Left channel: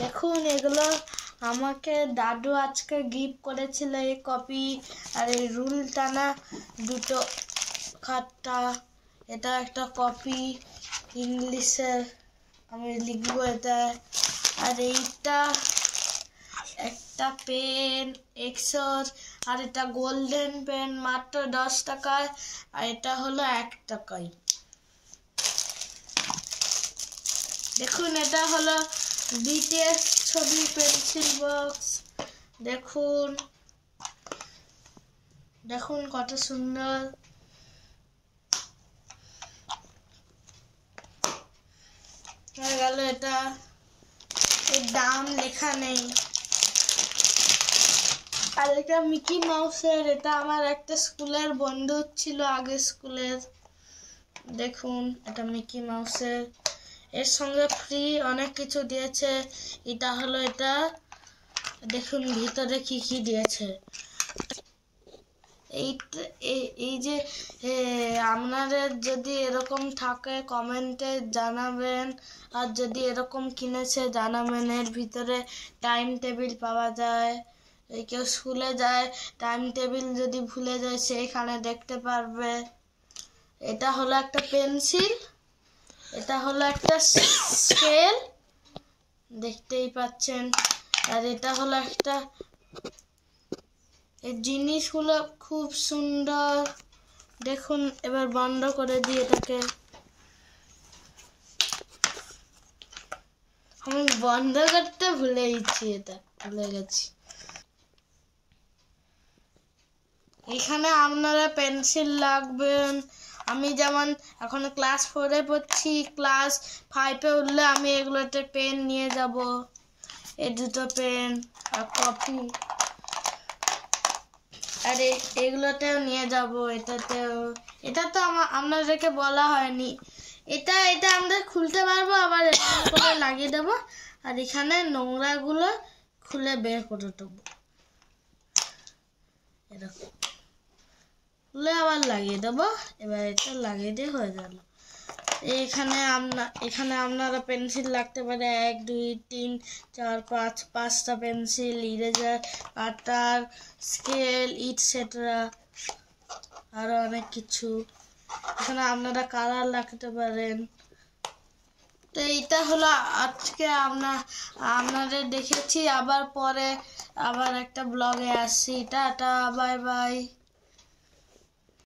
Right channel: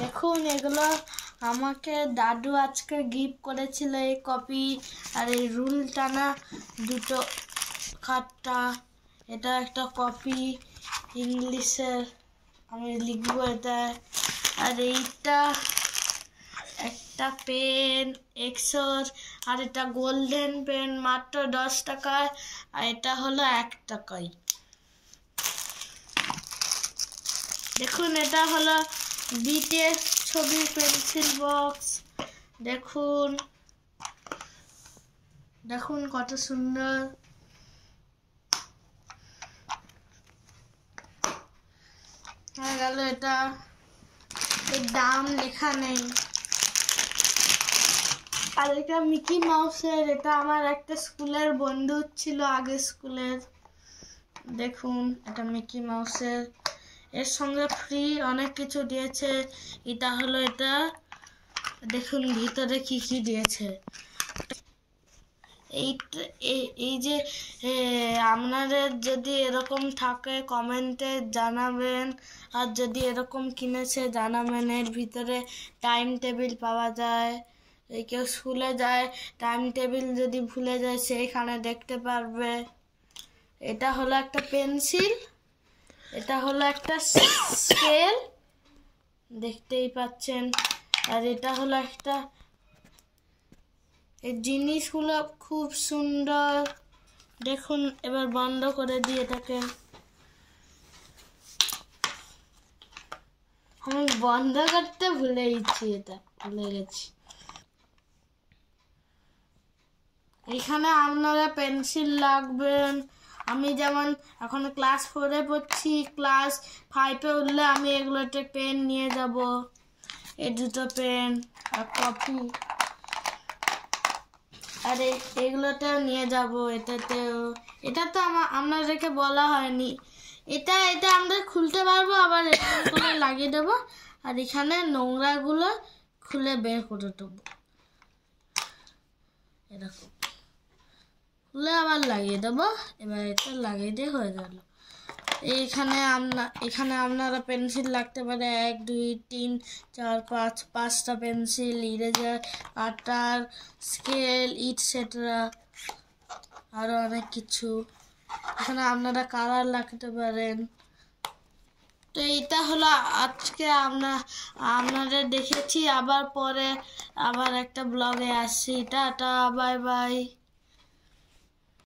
দেখুন এগুলো আমাকে দাদু আজকে গিফট করেছিল, এই কপি আর এই রুল টানা দুটো খাতা। এটা একটা কপি ইংলিশের, আমি লিখবো এটা। আর এইটা একটা পেন এক্সোর, আর এটা গোল্ডেন পেন মাত্র 10 টাকায়, আর এটা হলো 1 টাকায়। দেখুন এটা হলো বিটিএস ছবি পেন্সিল বক্স। দেখুন দেখুন কত সুন্দর। হয়ে গেল এটা, এর দাম লেখা নেই। আর এটা মিকি মাউসের, এটা আমার একটা স্কুলের বন্ধু ছিল, আগের স্কুলের। দেখুন এটা মিকি মাউসের, এর সঙ্গে ফ্রি অনেক কিছু দিয়েছে। এটা হলো এটা, দেখুন ভিতরে কি কি দিয়েছে। এই যে আপনাদের যদি এরকম থাকে কমেন্টে জানাবেন, আর যদি এরকম কিনেছে জানাবেন। এর ভিতরে টাইম টেবিল পাওয়া যায়, এই কেউ স্কুলে যায় টাইম টেবিল যদি ভুলে যায় সেইখানে দেখতে পারবে। এটা হলো একটা পেন্সিল, এটা হলো একটা স্কেল, দেখতেই পাচ্ছেন। আর এটা হলো একটা, এই জিনিসগুলো খুব সুন্দর। দেখুন এবার বন্ধ করে দিই এটাকে, আমি বন্ধ করতে ভুলে গেছি। এখানে আপনারা পেন্সিল লাগবেন। আমি যেমন এখন ক্লাস 4-এ পড়ছি, ক্লাস 5-এ উঠলে আমি এগুলোতে পেন নিয়ে যাব। এই দুটো পেন আর কপি, আর এগুলোতেও নিয়ে যাব। এটা তো আপনাদেরকে বলা হয়নি। এটা আমরা খুলতে পারবো, আবার করে লাগিয়ে দেবো। আর এখানে নোংরাগুলো খুলে বের করে দেবো, এরকম খুলে আবার লাগিয়ে দেবো। এবার এটা লাগিয়ে দিয়ে হয়ে গেল। এখানে আপনারা পেন্সিল লাগতে পারে 1 2 3 4 5 5টা পেন্সিল, ইরেজার, কাটার, স্কেল, ইটসেট্রা, আরো অনেক কিছু। এখানে আপনারা কালার লাগতে পারেন। তো এইটা হলো আজকে আপনাদের দেখেছি। আবার পরে একটা ব্লগে আসছি। Tata, bye bye.